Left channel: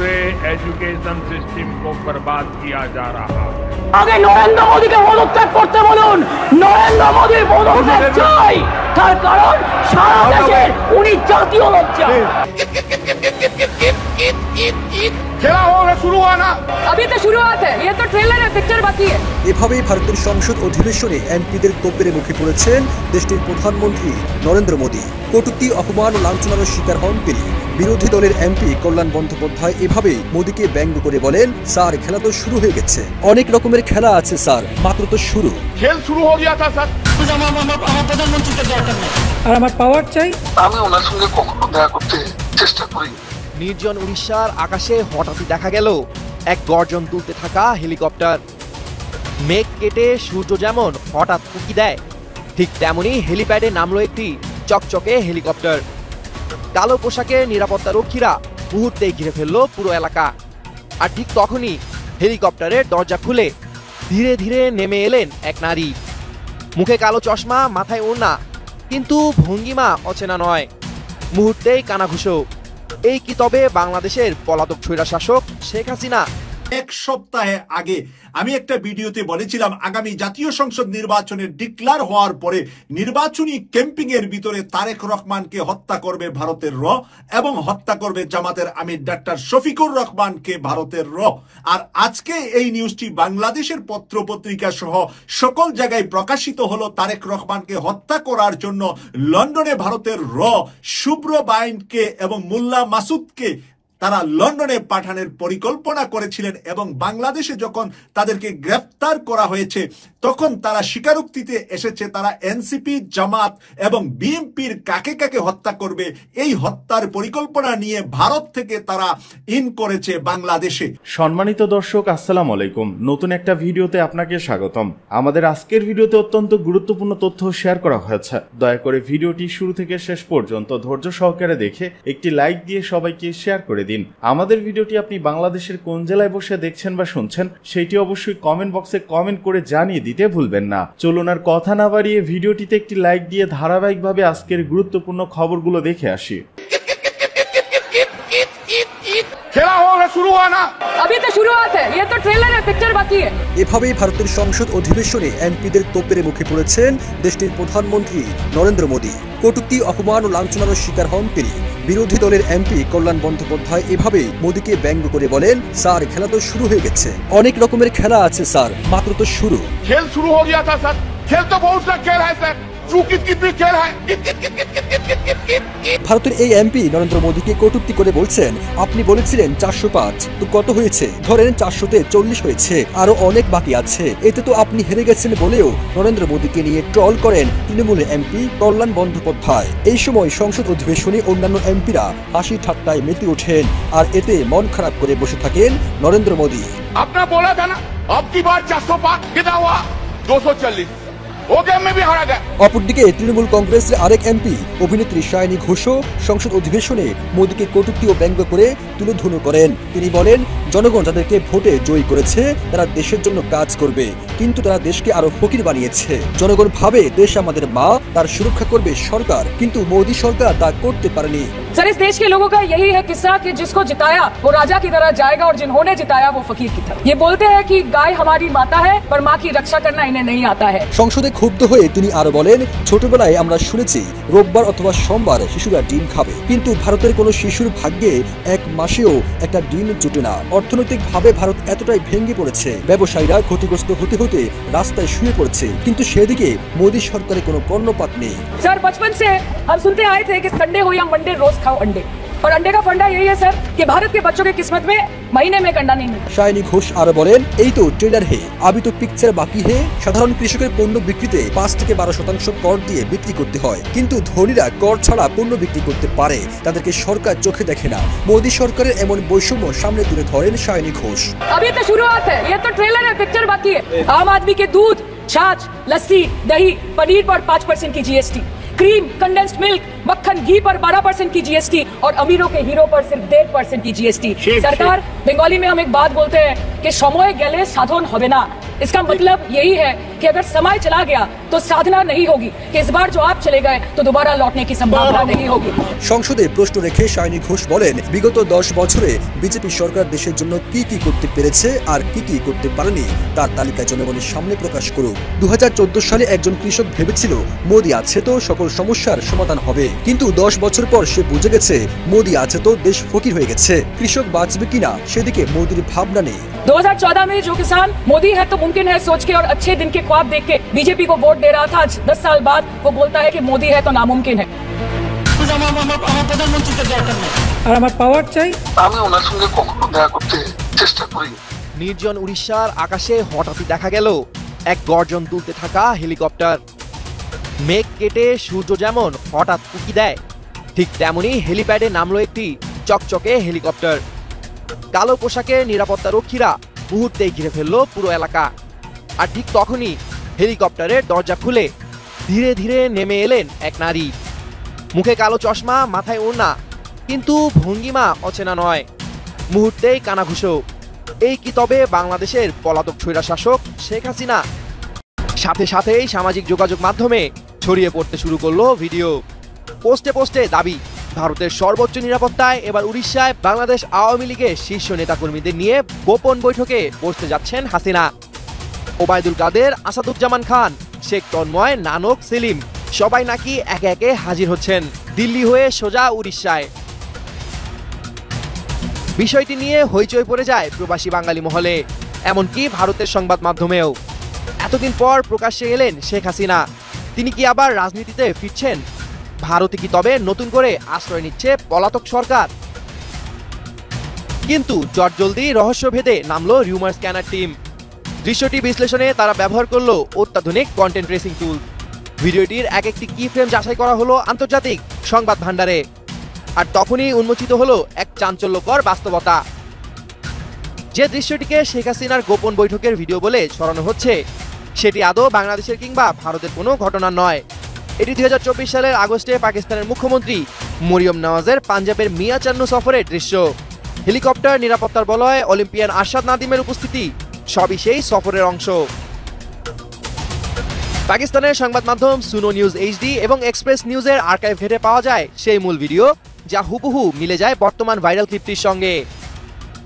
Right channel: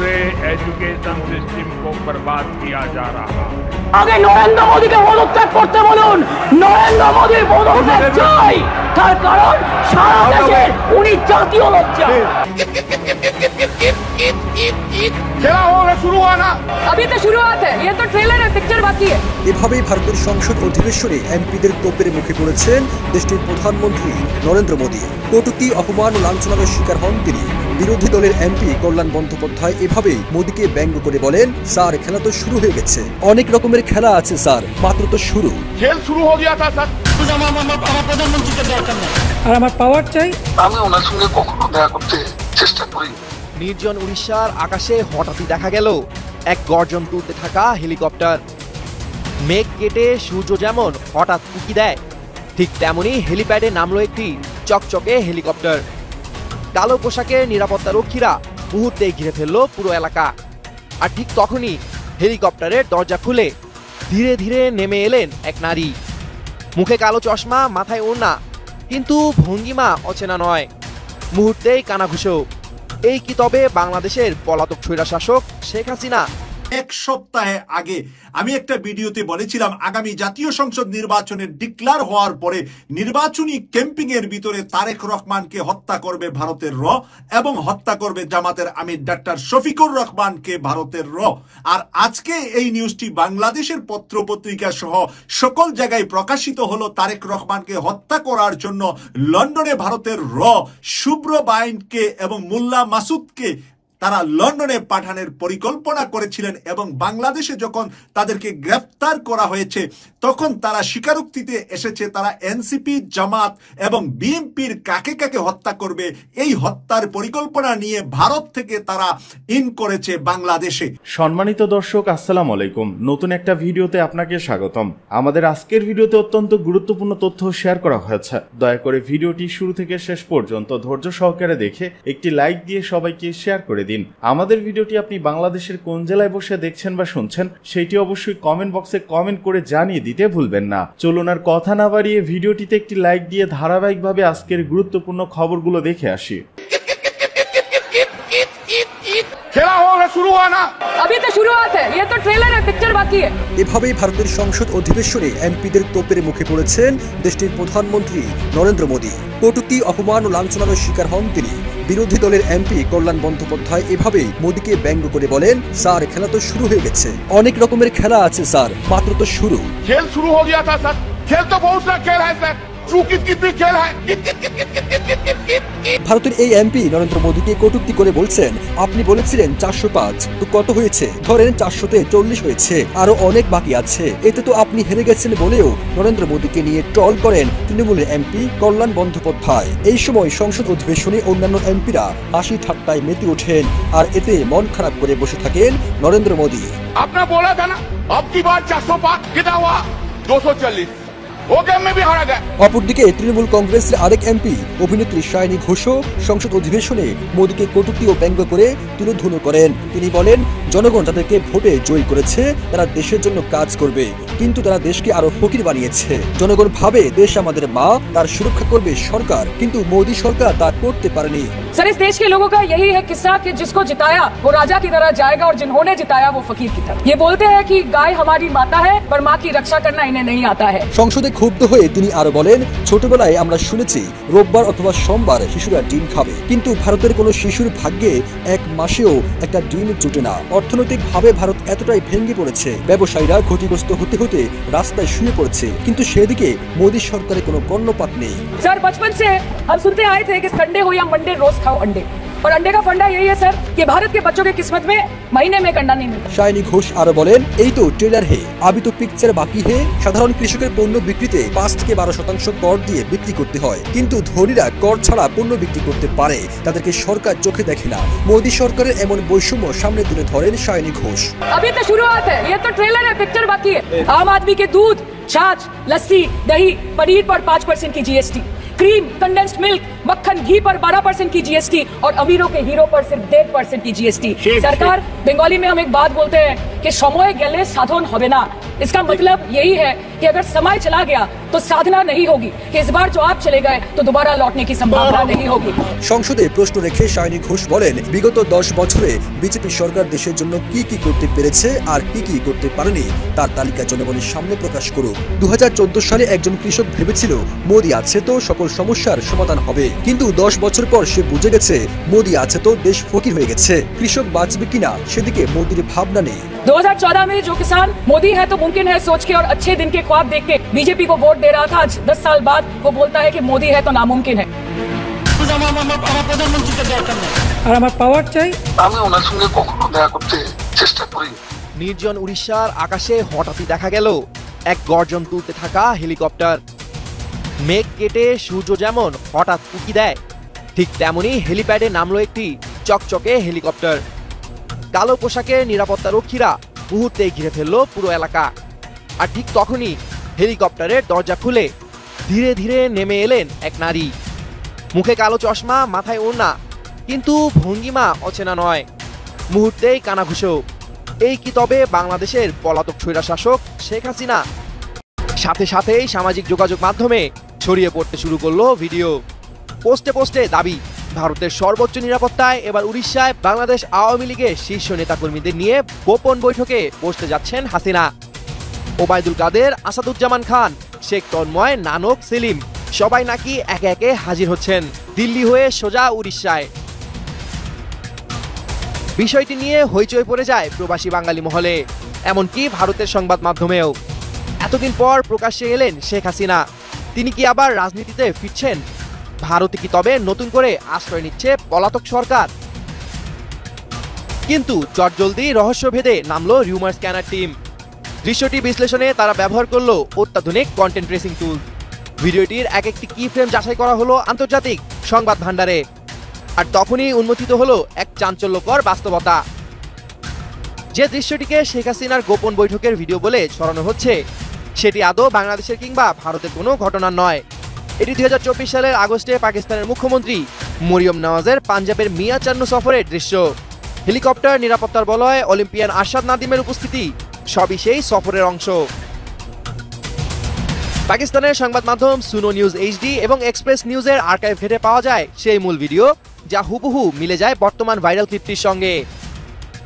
पूरे education system को बर्बाद किया जा रहा है। আগে নরেন্দ্র মোদীকে পদত্যাগ করতে বলুন। নরেন্দ্র মোদীর পদত্যাগ চাই, তার কারণ সারা দেশে উনি জাতীয় লজ্জা। खेला होगा शुरू हुआ ना, अभी तो शुरुआत है, ये तो ट्रेलर है, पिक्चर बाकी है। এভাবেই ভারতের সংসদ অধিবেশনে এমপিদের তোপের মুখে পড়েছেন দেশটির প্রধানমন্ত্রী নরেন্দ্র মোদী। কটূক্তি, অপমান, লাঞ্ছনার শিকার হন তিনি। বিরোধী দলের এমপি কল্যাণ বন্দ্যোপাধ্যায় এভাবে মোদীকে ব্যঙ্গ করে বলেন, স্যার খেলা তো শুরু হয়ে গেছে, অনেক রকমের খেলা আছে স্যার, মাত্র তো শুরু। खेल शुरू हो गया था सर। और हमारा पावर चाहिए। আমি ওনার সঙ্গে কখনো দেখা করতে চেষ্টা করি। নির্জন উড়িষ্যার আকাশে হঠাৎই দেখা গেল এক গর্জন তুলতে থাকা হেলিকপ্টার। মেঘ কেটে সূর্য যেমন হঠাৎ উঁকি দেয়, ঠিক তেমনি হেলিপ্যাডে নামলো একটি চকচকে হেলিকপ্টার। কালো পোশাকের নিরাপত্তা রক্ষীরা মুহূর্তে ঘিরে ফেললো পুরো এলাকা। আর ঠিক তখনই হেলিকপ্টারের দরজা খুলে ধীরে ধীরে নেমে এলেন এক নারী। মুখে কালো চশমা, মাথায় ওড়না, কিন্তু ভঙ্গিমা অচেনা নয়। মুহূর্তেই কানাঘুষো। এই কি তবে বাংলাদেশের পলাতক স্বৈরশাসক শেখ হাসিনা? এক সপ্তাহ আগে আমি একটা ভিডিওতে বলেছিলাম, আগামী জাতীয় সংসদ নির্বাচনে ডিক্লার হওয়ার পরে নির্বাচনী ক্যাম্পিং এর ভিতরে তারেক রহমানকে হত্যা করবে ভারতের র এবং হত্যা করবে জামাতের আমির ডাক্তার শফিকুর রহমানকে ভারতের র। আর আজকে এই নিউজটি বাংলাদেশের পত্র পত্রিকা সহ সকল জায়গায় প্রকাশিত হলো। তারেক রহমানকে হত্যা করার জন্য লন্ডনে ভারতের র শুভ্র বাইনকে এবং মোল্লা মাসুদকে তারা লন্ডনে পাঠানোর পরিকল্পনা করেছিলেন এবং বাংলাদেশে যখন তাদেরকে গ্রেফতার করা হয়েছে তখন তারা স্বীকারোক্তিতে এসেছে তারা এনসিপি, জামাত এবং বিএনপির কাকে কাকে হত্যা করবে এই হত্যার পরিকল্পনা নিয়ে ভারত থেকে তারা ইন করেছে বাংলাদেশে। সম্মানিত দর্শক, আসসালামু আলাইকুম। নতুন একটা ভিডিওতে আপনাকে স্বাগতম। আমাদের আজকের ভিডিওতে অত্যন্ত গুরুত্বপূর্ণ তথ্য শেয়ার করা হয়েছে। দয়া করে ভিডিওটি শুরু থেকে শেষ পর্যন্ত ধৈর্য সহকারে দেখে একটি লাইক দিয়ে সবাইকে শেয়ার করে দিন। আমাদের ভিডিওটি আপনি বাংলাদেশের কোন জেলায় বসে দেখছেন বা শুনছেন সেটি অবশ্যই কমেন্ট বক্সে কমেন্ট করে জানিয়ে দিতে ভুলবেন না। চলুন আর কথা না বাড়িয়ে ভিডিওটিতে একটি লাইক দিয়ে ধারাবাহিকভাবে আজকের গুরুত্বপূর্ণ খবরগুলো দেখে আসি। खेला होगा शुरू हुआ ना, अभी तो शुरुआत है, ये तो ट्रेलर है, पिक्चर बाकी है। এভাবেই ভারতের সংসদ অধিবেশনে এমপিদের তোপের মুখে পড়েছেন দেশটির প্রধানমন্ত্রী নরেন্দ্র মোদী। কটূক্তি, অপমান ও লাঞ্ছনার শিকার হন তিনি। বিরোধী দলের এমপি কল্যাণ বন্দ্যোপাধ্যায় এভাবে মোদীকে ব্যঙ্গ করে বলেন, স্যার খেলা তো শুরু হয়ে গেছে, অনেক রকমের খেলা আছে স্যার, মাত্র তো শুরু। खेल शुरू हो गया था सर। खेल तो बहुत सा खेल है सर, चूकी कितनी खेल है। ভারতের এই এমপি নরেন্দ্র মোদীকে কটূক্তি করে বলছেন, আপনি বলেছিলেন 405, তো কত হয়েছে? ধরেন 400তে 40 হয়েছে, আরো অনেক বাকি আছে। এতে তো আপনি হেরে গেছেন বলেও নরেন্দ্র মোদীকে নিয়ে ট্রল করেন তৃণমূলের এমপি কল্যাণ বন্দ্যোপাধ্যায়। এই সময় সংসদ অধিবেশনে অন্যান্য এমপিরা হাসি ঠাট্টায় মেতে ওঠেন আর এতে মন খারাপ করে বসে থাকেন নরেন্দ্র মোদী। आपने बोला था ना, अब की बार 405 कितना हुआ? 240 हो गया, मैं भी हारा गया। অপরদিকে তৃণমূল কংগ্রেসের আরেক এমপি অভিনেত্রী সায়নী ঘোষও সংসদ অধিবেশনে মোদীকে কটূক্তি ও ব্যঙ্গ করে তুরুধনু করেন। তিনি বলেন, জনগণ যাদেরকে ভোটে জয়ী করেছে তারা দেশের জন্য কাজ করবে, কিন্তু তারা দেশকে আরো ফকির বানিয়েছে। জনগণ ভাবে দেশ আমাদের মা, তার সুরক্ষা করবে সরকার, কিন্তু মোদী সরকার তা করতে পারেনি। सर, इस देश के लोगों का यही है किस्सा कि जिसको जिताया वो राजा की तरह जाएगा और जिन्होंने जिताया वो फकीर की तरह। ये बोलते हैं कि गाय हमारी माता है, पर माँ की रक्षा करना इन्हें नहीं आता है। সংসদে ক্ষুব্ধ হয়ে তিনি আরো বলেন, ছোটবেলায় আমরা শুনেছি রোববার অথবা সোমবার শিশুরা ডিম খাবে, কিন্তু ভারতের কোনো শিশুর ভাগ্যে এক মাসেও একটা ডিম জুটে না। অর্থনৈতিক ভাবে ভারত এতটাই ভেঙে পড়েছে, ব্যবসায়ীরা ক্ষতিগ্রস্ত হতে হতে রাস্তায় শুয়ে পড়ছে, কিন্তু সেদিকে মোদী সরকারের কোনো কর্ণপাত নেই। सर, बचपन से हम सुनते आए थे कि संडे हो या मंडे रोज खाओ अंडे, और अंडे का फंडा यही है सर कि भारत के बच्चों की किस्मत में महीने में अंडा नहीं मिलता। সায়নী ঘোষ আরো বলেন, এই তো ট্রেলার হে, আবি তো পিকচার বাকি হে। সাধারণ কৃষকের পণ্য বিক্রিতে 5 থেকে 12% কর দিয়ে বিক্রি করতে হয়, কিন্তু ধনীরা কর ছাড়া পণ্য বিক্রি করতে পারে, তাদেরকে সরকার চোখে দেখে না। মোদী সরকারের এমন বৈষম্য সামনে তুলে ধরেন সায়নী ঘোষ। अभी तो शुरुआत है, ये तो ट्रेलर है, पिक्चर बाकी है। आम आदमी के दूध, छाछ, लस्सी, दही, पनीर पर 5% की जीएसटी, क्रीम, कंडेंस्ड मिल्क मक्खन घी पर 12% की जीएसटी और अमीरों के हीरो पर सिर्फ 1.5% की जीएसटी। सरकार बंगाली में हम एक बात बोलते हैं कि समय गेले साधन होबे ना। इसका मतलब यही है कि अगर समय चला गया तो साधना नहीं होगी। इस बार जो आप चले गए तो दोबारा लौटने की संभावना नहीं होगी। সংসদে প্রশ্ন রেখে শায়নী ঘোষ বলেন, বিগত 10 বছরে বিজেপি সরকার দেশের জন্য কি কি করতে পেরেছে আর কি কি করতে পারেনি তার তালিকা জনগণের সামনে প্রকাশ করুক। 2014 সালে একজন কৃষক ভেবেছিল মোদি আছে তো সকল সমস্যার সমাধান হবে, কিন্তু 10 বছর পর সে বুঝে গেছে মোদি আছে তো দেশ ফকির হয়ে গেছে। কৃষক বাঁচবে কিনা সেদিকে মোদির ভাবনা নেই। 2014 में जो किसान मोदी है तो मुमकिन है सोच के और अच्छे दिन के ख्वाब देख के बीजेपी को वोट दे रहा था, आज 10 साल बाद वो बोलता है कि मोदी है तो नामुमकिन है। আর আমার পাওয়ার চাই। আমি ওনার সঙ্গে কখনো দেখা করতে চেষ্টা করি। নির্জন উড়িষ্যার আকাশে হঠাৎই দেখা গেল এক গর্জন তুলতে থাকা হেলিকপ্টার। মেঘ কেটে সূর্য যেমন হঠাৎ উকি দেয়, ঠিক তেমনি হেলিপ্যাডে নামলো একটি চকচকে হেলিকপ্টার। কালো পোশাকে নিরাপত্তা রক্ষীরা মুহূর্তে ঘিরে ফেললো পুরো এলাকা। আর ঠিক তখনই হেলিকপ্টারের দরজা খুলে ধীরে ধীরে নেমে এলেন এক নারী। মুখে কালো চশমা, মাথায় ওড়না, কিন্তু ভঙ্গিমা অচেনা নয়, মুহূর্তেই কানাঘুষো। এই কি তবে বাংলাদেশের পলাতক স্বৈরশাসক শেখ হাসিনা? সাথে সাথেই সামাজিক যোগাযোগ মাধ্যমে ছড়িয়ে পড়তে শুরু করলো ভিডিও। পোস্টে পোস্টে দাবি, ভারতের সর্বোচ্চ নিরাপত্তায় এবার উড়িষ্যায় বাংলাদেশ আওয়ামী লীগের শীর্ষ নেতাকর্মীদের নিয়ে গোপন বৈঠকে বসতে যাচ্ছেন হাসিনা। ওবায়দুল কাদের, আসাদুজ্জামান খান, শেখ তন্ময়, নানক, সেলিম সবাই নাকি একে একে হাজির হচ্ছেন দিল্লি হয়ে সোজা উড়িষ্যায়। বিষয়টি নিয়ে হইচই পড়ে যায় প্রবাসী বাঙালি মহলে, এমনকি ভারতের সংবাদ মাধ্যমেও। এতদিন পর প্রকাশ্যে এলেন শেখ হাসিনা। তিনি কি আবার রাজনীতিতে ফিরছেন? ভারতে কি তবে নতুন করে আশ্রয় নিচ্ছে পলাতক সরকার? কিন্তু চটজলদি রহস্য ভেদে নামলো রিউমার স্ক্যানার টিম। দৃশ্যটি বিশ্লেষণে তারা ব্যবহার করলো অত্যাধুনিক কন্টেন্ট ট্রেসিং টুল। ভিডিওটির এক একটি কি ফ্রেম যাচাই করা হলো আন্তর্জাতিক সংবাদ ভান্ডারে। আর তখনই উন্মোচিত হলো এক চাঞ্চল্যকর বাস্তবতা। যে দৃশ্যটিকে শেখ হাসিনার গোপন বৈঠকের ভিডিও বলে ছড়ানো হচ্ছে, সেটি আদৌ বাংলাদেশের কিংবা ভারতের কোনো ঘটনা নয়। এটি 2024 সালের আগস্টে পাকিস্তানের মুখ্যমন্ত্রী মরিয়ম নওয়াজের পাঞ্জাবের মিয়াচান্ন সফরের দৃশ্য। হেলিকপ্টার, নিরাপত্তার বলয়, অলিম্পিয়ান আরশাদ নাদিমের উপস্থিতি সবই সেই সফরের অংশ। পাকিস্তানের সংবাদ মাধ্যম সুনো নিউজ এইচডি এবং এক্সপ্রেস নিউজের আর্কাইভ ঘেটে পাওয়া যায় সেই মূল ভিডিও, যা হুবহু মিলে যায় বর্তমান ভাইরাল ক্লিপটির সঙ্গে।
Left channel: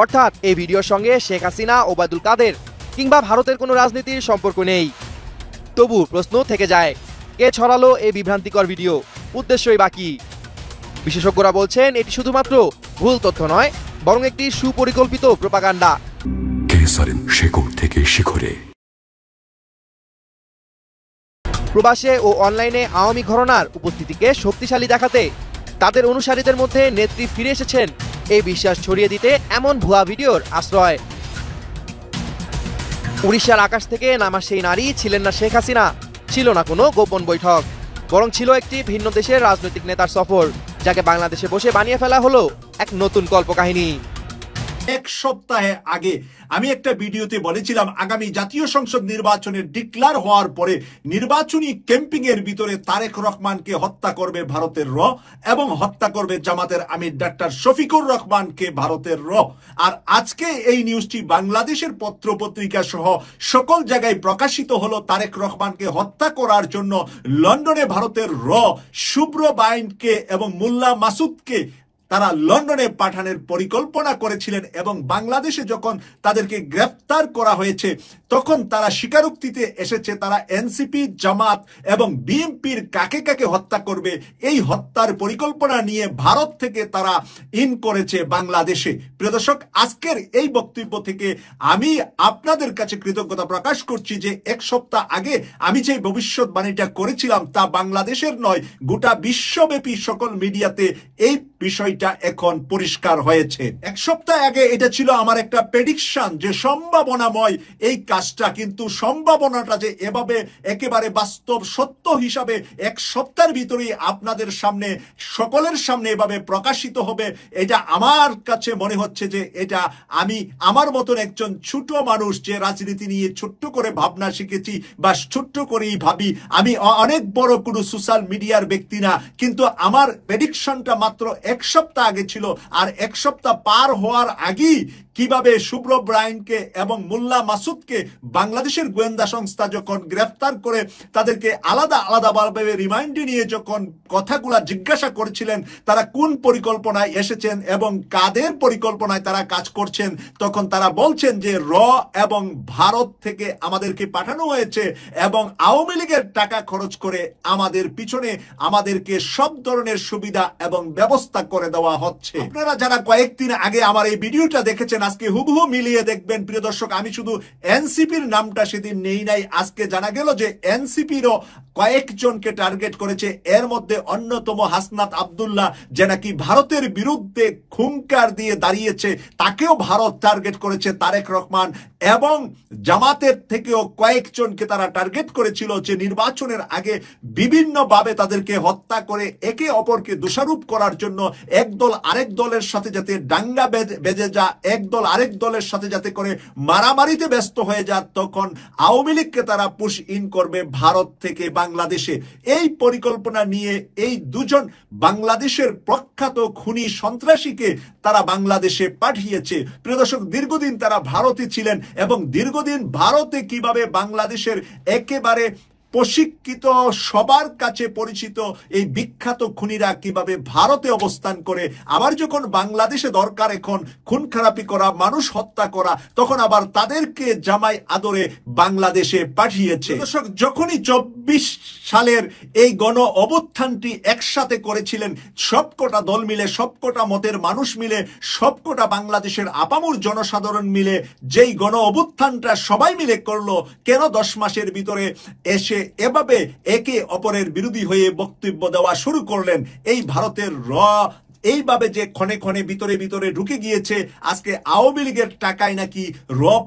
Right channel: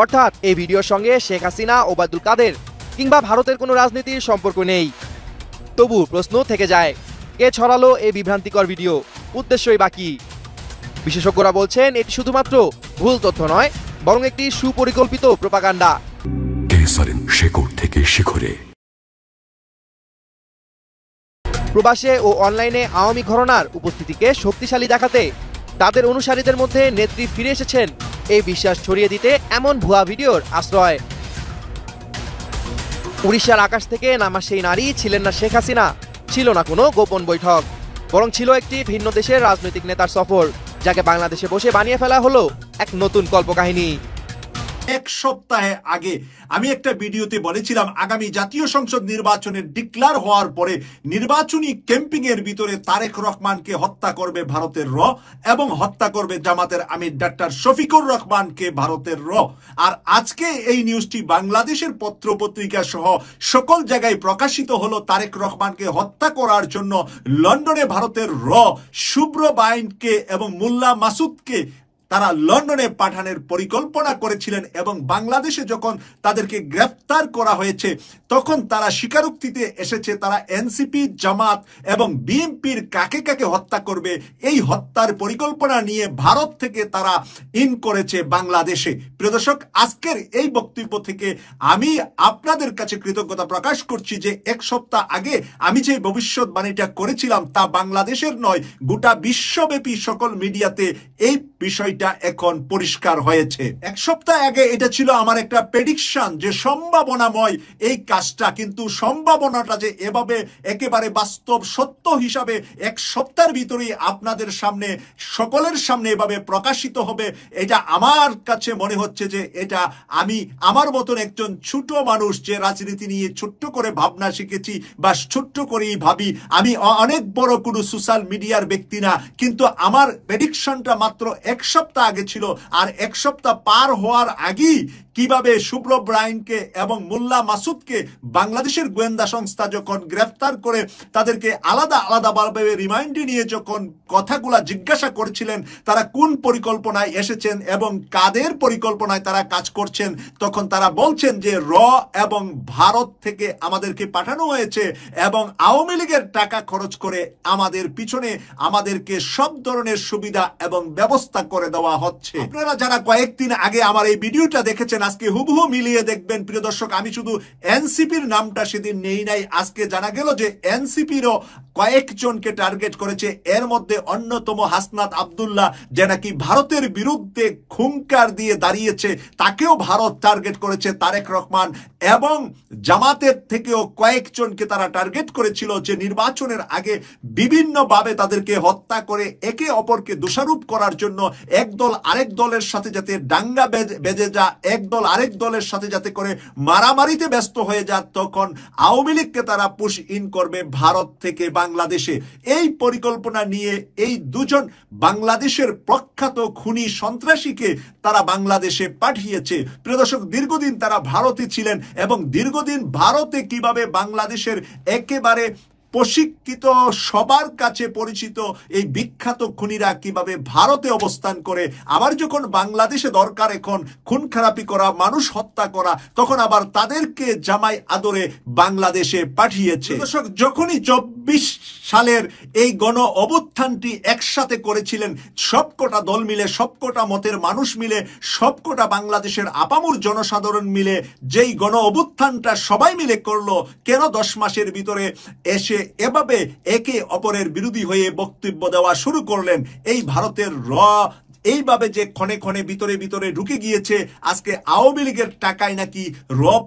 অর্থাৎ এই ভিডিওর সঙ্গে শেখ হাসিনা, ওবায়দুল কাদের কিংবা ভারতের কোনো রাজনীতির সম্পর্ক নেই। তবু প্রশ্ন থেকে যায়, কে ছড়ালো এই বিভ্রান্তিকর ভিডিও? উদ্দেশ্যই বাকি। বিশেষজ্ঞরা বলছেন এটি শুধুমাত্র ভুল তথ্য নয়, বরং একটি সুপরিকল্পিত প্রোপাগান্ডা। শেকড় থেকে শিখরে। প্রবাসে ও অনলাইনে আওয়ামী ঘরানার উপস্থিতিকে শক্তিশালী দেখাতে তাদের অনুসারীদের মধ্যে নেত্রী ফিরে এসেছেন এই বিশ্বাস ছড়িয়ে দিতে এমন ভুয়া ভিডিওর আশ্রয়। উড়িষ্যার আকাশ থেকে নামা সেই নারী ছিলেন না শেখ হাসিনা, ছিল না কোনো গোপন বৈঠক, বরং ছিল একটি ভিন্ন দেশের রাজনৈতিক নেতার সফর, যাকে বাংলাদেশে বসে বানিয়ে ফেলা হলো এক নতুন কল্পকাহিনী। এক সপ্তাহ আগে আমি একটা ভিডিওতে বলেছিলাম আগামী জাতীয় সংসদ নির্বাচনের ডিক্লার হওয়ার পরে নির্বাচনী ক্যাম্পিং এর ভিতরে তারেক রহমানকে হত্যা করবে ভারতের র এবং হত্যা করবে জামাতের আমির ডাক্তার শফিকুর রহমানকে ভারতের র। আর আজকে এই নিউজটি বাংলাদেশের পত্রপত্রিকা সহ সকল জায়গায় প্রকাশিত হলো। তারেক রহমানকে হত্যা করার জন্য লন্ডনে ভারতের র শুভ্র বাইনকে এবং মোল্লা মাসুদকে তারা লন্ডনে পাঠানোর পরিকল্পনা করেছিলেন এবং বাংলাদেশে যখন তাদেরকে গ্রেফতার করা হয়েছে তখন তারা স্বীকারোক্তিতে এসেছে তারা এনসিপি, জামাত এবং বিএনপির কাকে কাকে হত্যা করবে এই হত্যার পরিকল্পনা নিয়ে ভারত থেকে তারা ইন করেছে বাংলাদেশে। প্রিয় দর্শক, আজকের এই বক্তব্য থেকে আমি আপনাদের কাছে কৃতজ্ঞতা প্রকাশ করছি যে এক সপ্তাহ আগে আমি যে ভবিষ্যৎবাণীটা করেছিলাম তা বাংলাদেশের নয়, গোটা বিশ্বব্যাপী সকল মিডিয়াতে এই বিষয়টা এখন পরিষ্কার হয়েছে। এক সপ্তাহ আগে এটা ছিল আমার একটা প্রেডিকশন যে সম্ভাবনাময় এই কাজটা, কিন্তু সম্ভাবনাটা যে এভাবে একেবারে বাস্তব সত্য হিসাবে এক সপ্তাহের ভিতরেই আপনাদের সামনে সকলের সামনে এভাবে প্রকাশিত হবে, এটা আমার কাছে মনে হচ্ছে যে এটা আমি আমার মতন একজন ছোট মানুষ যে রাজনীতি নিয়ে ছোট্ট করে ভাবনা শিখেছি বা ছোট্ট করেই ভাবি, আমি অনেক বড় কোনো সোশ্যাল মিডিয়ার ব্যক্তি না, কিন্তু আমার প্রেডিকশনটা মাত্র এক সপ্তাহ আগে ছিল। আর এক সপ্তাহ পার হওয়ার আগেই কিভাবে শুভ্র ব্রাইনকে এবং মোল্লা মাসুদকে বাংলাদেশের গোয়েন্দা সংস্থা যখন গ্রেফতার করে তাদেরকে আলাদা আলাদাভাবে রিমাইন্ডে নিয়ে যখন কথাগুলা জিজ্ঞাসা করেছিলেন তারা কোন পরিকল্পনায় এসেছেন এবং কাদের পরিকল্পনায় তারা কাজ করছেন, তখন তারা বলছেন যে এবং ভারত থেকে আমাদেরকে পাঠানো হয়েছে এবং আওয়ামী লীগের টাকা খরচ করে আমাদের পিছনে আমাদেরকে সব ধরনের সুবিধা এবং ব্যবস্থা করে দেওয়া হচ্ছে। আপনারা যারা কয়েকদিন আগে আমার এই ভিডিওটা দেখেছেন আজকে হুবহু মিলিয়ে দেখবেন। প্রিয় দর্শক, আমি শুধু এনসিপির নামটা সেদিন নেই নাই, আজকে জানা গেল যে এনসিপিরও কয়েকজনকে টার্গেট করেছে। এর মধ্যে অন্যতম হাসনাত আব্দুল্লাহ, যে নাকি ভারতের বিরুদ্ধে হুঙ্কার দিয়ে দাঁড়িয়েছে, তাকেও ভারত টার্গেট করেছে। তারেক রহমান এবং জামাতের থেকেও কয়েকজনকে তারা টার্গেট করেছিল যে নির্বাচনের আগে বিভিন্নভাবে তাদেরকে হত্যা করে একে অপরকে দোষারোপ করার জন্য একদল আরেক দলের সাথে যাতে দাঙ্গা বেজে যা, একদল আরেক দলের সাথে যাতে করে মারামারিতে ব্যস্ত হয়ে যা, তখন আওয়ামী লীগকে তারা পুশ ইন করবে ভারত থেকে বাংলাদেশে। এই পরিকল্পনা নিয়ে এই দুজন বাংলাদেশের প্রখ্যাত খুনি সন্ত্রাসীকে তারা বাংলাদেশে পাঠিয়েছে। প্রিয় দর্শক, দীর্ঘদিন তারা ভারতে ছিলেন এবং দীর্ঘদিন ভারতে কিভাবে বাংলাদেশের একেবারে প্রশিক্ষিত সবার কাছে পরিচিত এই বিখ্যাত খুনিরা কিভাবে ভারতে অবস্থান করে, আবার যখন বাংলাদেশে দরকার এখন খুন খারাপি করা, মানুষ হত্যা করা, তখন আবার তাদেরকে জামাই আদরে বাংলাদেশে পাঠিয়েছে। দর্শক, যখনই 24 সালের এই গণ অভ্যুত্থানটি একসাথে করেছিলেন সবকটা দল মিলে, সবকটা মতের মানুষ মিলে, সবকটা বাংলাদেশের আপামর জনসাধারণ মিলে যেই গণ অভ্যুত্থানটা সবাই মিলে করলো, কেন 10 মাসের ভিতরে এসে এভাবে একে অপরের বিরোধী হয়ে বক্তব্য দেওয়া শুরু করলেন? এই ভারতের এইভাবে যে ক্ষণে ক্ষণে ভিতরে ভিতরে ঢুকে গিয়েছে, আজকে আওয়ামী লীগের টাকায় নাকি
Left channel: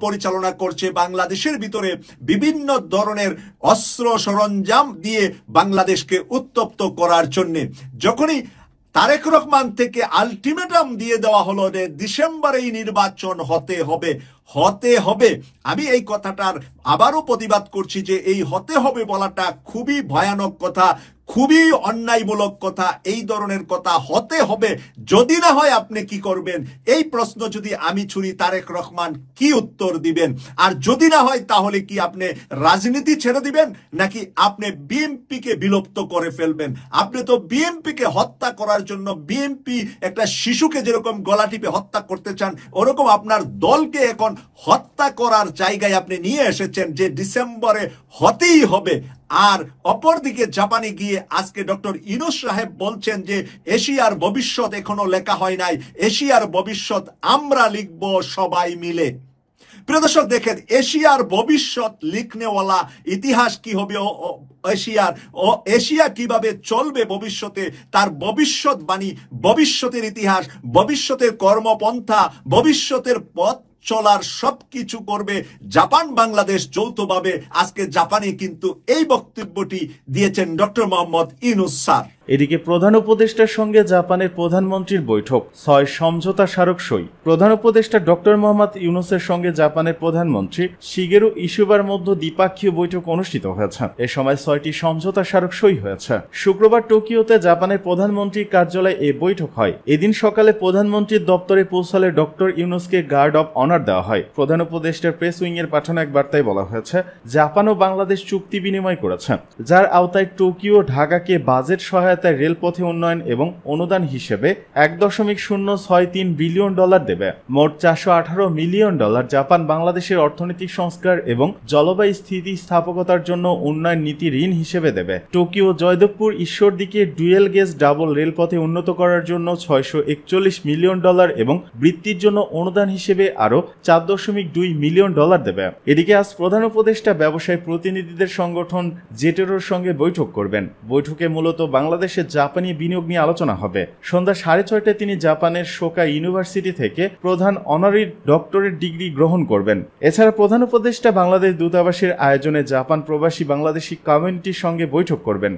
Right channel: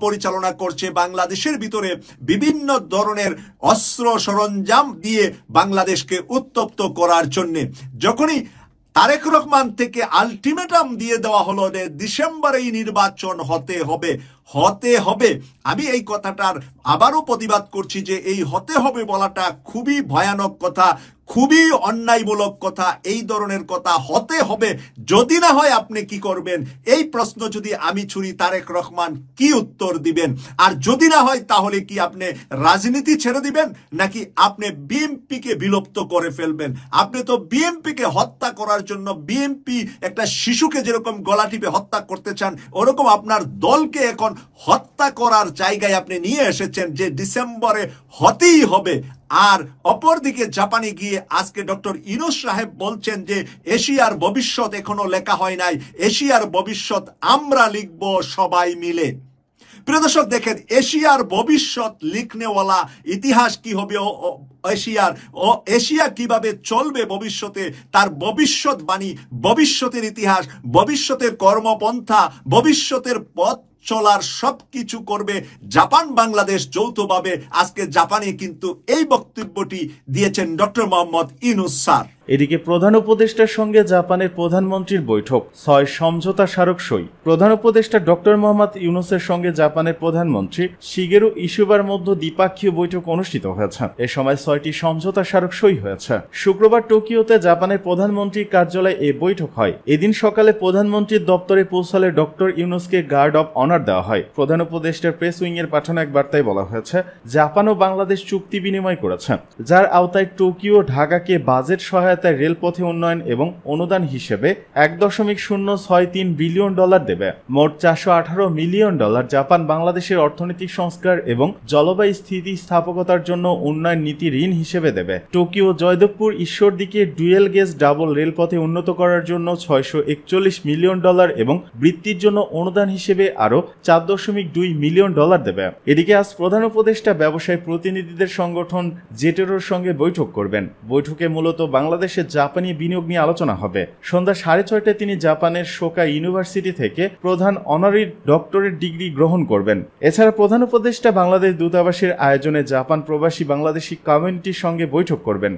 পরিচালনা করছে বাংলাদেশের ভিতরে বিভিন্ন ধরনের অস্ত্র সরঞ্জাম দিয়ে বাংলাদেশকে উত্তপ্ত করার জন্য। যখনই তারেক রহমান থেকে আলটিমেটাম দিয়ে দেওয়া হলো যে ডিসেম্বরেই নির্বাচন হতে হবে, আমি এই কথাটার আবারও প্রতিবাদ করছি যে এই হতে হবে বলাটা খুবই ভয়ানক কথা, খুবই অন্যায়মূলক কথা। এই ধরনের কথা হতে হবে, যদি না হয় আপনি কি করবেন? এই প্রশ্ন যদি আমি ছুড়ি, তারেক রহমান কি উত্তর দিবেন? আর যদি না হয় তাহলে কি আপনি রাজনীতি ছেড়ে দিবেন, নাকি আপনি বিএনপি কে বিলুপ্ত করে ফেলবেন? আপনি তো বিএনপি কে হত্যা করার জন্য, বিএনপি একটা শিশুকে যেরকম গলা টিপে হত্যা করতে চান, ওরকম আপনার দলকে এখন হত্যা করার জায়গায় আপনি নিয়ে এসেছেন যে ডিসেম্বরে হতেই হবে। আর অপরদিকে জাপানে গিয়ে আজকে ডক্টর ইউনূস সাহেব বলছেন যে এশিয়ার ভবিষ্যৎ এখনো লেখা হয় নাই, এশিয়ার ভবিষ্যৎ আমরা লিখব সবাই মিলে। প্রিয় দর্শক, দেখেন এশিয়ার ভবিষ্যৎ লিখনেওয়ালা ইতিহাস কি হবে, এশিয়া কিভাবে চলবে ভবিষ্যতে, তার ভবিষ্যৎবাণী, ভবিষ্যতের ইতিহাস, ভবিষ্যতের কর্মপন্থা, ভবিষ্যতের পথ চলার সবকিছু করবে জাপান বাংলাদেশ যৌথভাবে। আজকে জাপানে কিন্তু এই বক্তব্যটি দিয়েছেন ডক্টর মোহাম্মদ ইউনূস স্যার। এদিকে প্রধান উপদেষ্টার সঙ্গে জাপানের প্রধানমন্ত্রীর বৈঠক, 6 সমঝোতা স্মারক সই। প্রধান উপদেষ্টা ডক্টর মোহাম্মদ ইউনূসের সঙ্গে জাপানের প্রধানমন্ত্রী শিগেরু ইসুবার মধ্যে দ্বিপাক্ষীয় বৈঠক অনুষ্ঠিত হয়েছে। এ সময় 6টি সমঝোতা স্মারক সই হয়েছে। শুক্রবার টোকিওতে জাপানের প্রধানমন্ত্রীর কার্যালয়ে এই বৈঠক হয়। এদিন সকালে প্রধানমন্ত্রীর দপ্তরে পৌঁছালে ডক্টর ইউনূসকে গার্ড অব অনার দেওয়া হয়। প্রধান উপদেষ্টার প্রেস উইং এর পাঠানো এক বার্তায় বলা হয়েছে, জাপান ও বাংলাদেশ চুক্তি বিনিময় করেছে, যার আওতায় টোকিও ঢাকাকে বাজেট সহায়তা রেলপথে উন্নয়ন এবং অনুদান হিসেবে $1.063 বিলিয়ন দেবে। মোট $418 মিলিয়ন জাপান বাংলাদেশের অর্থনৈতিক সংস্কার এবং জলবায়ু স্থিতিস্থাপকতার জন্য উন্নয়ন নীতি ঋণ হিসেবে দেবে। টোকিও জয়দেবপুর ঈশ্বরদীকে ডুয়েল গেজ ডাবল রেলপথে উন্নত করার জন্য $641 মিলিয়ন এবং বৃত্তির জন্য অনুদান হিসেবে আরও $4.2 মিলিয়ন দেবে। এদিকে আজ প্রধান উপদেষ্টা ব্যবসায়ী প্রতিনিধিদের সংগঠন জেটেরোর সঙ্গে বৈঠক করবেন। বৈঠকে মূলত বাংলাদেশের জাপানি বিনিয়োগ নিয়ে আলোচনা হবে। সন্ধ্যা 6:30টায় তিনি জাপানের শোকা ইউনিভার্সিটি থেকে প্রধান অনারি ডক্টরেট ডিগ্রি গ্রহণ করবেন। এছাড়া প্রধান উপদেষ্টা বাংলাদেশ দূতাবাসের আয়োজনে জাপান প্রবাসী বাংলাদেশি কমিউনিটির সঙ্গে বৈঠক করবেন।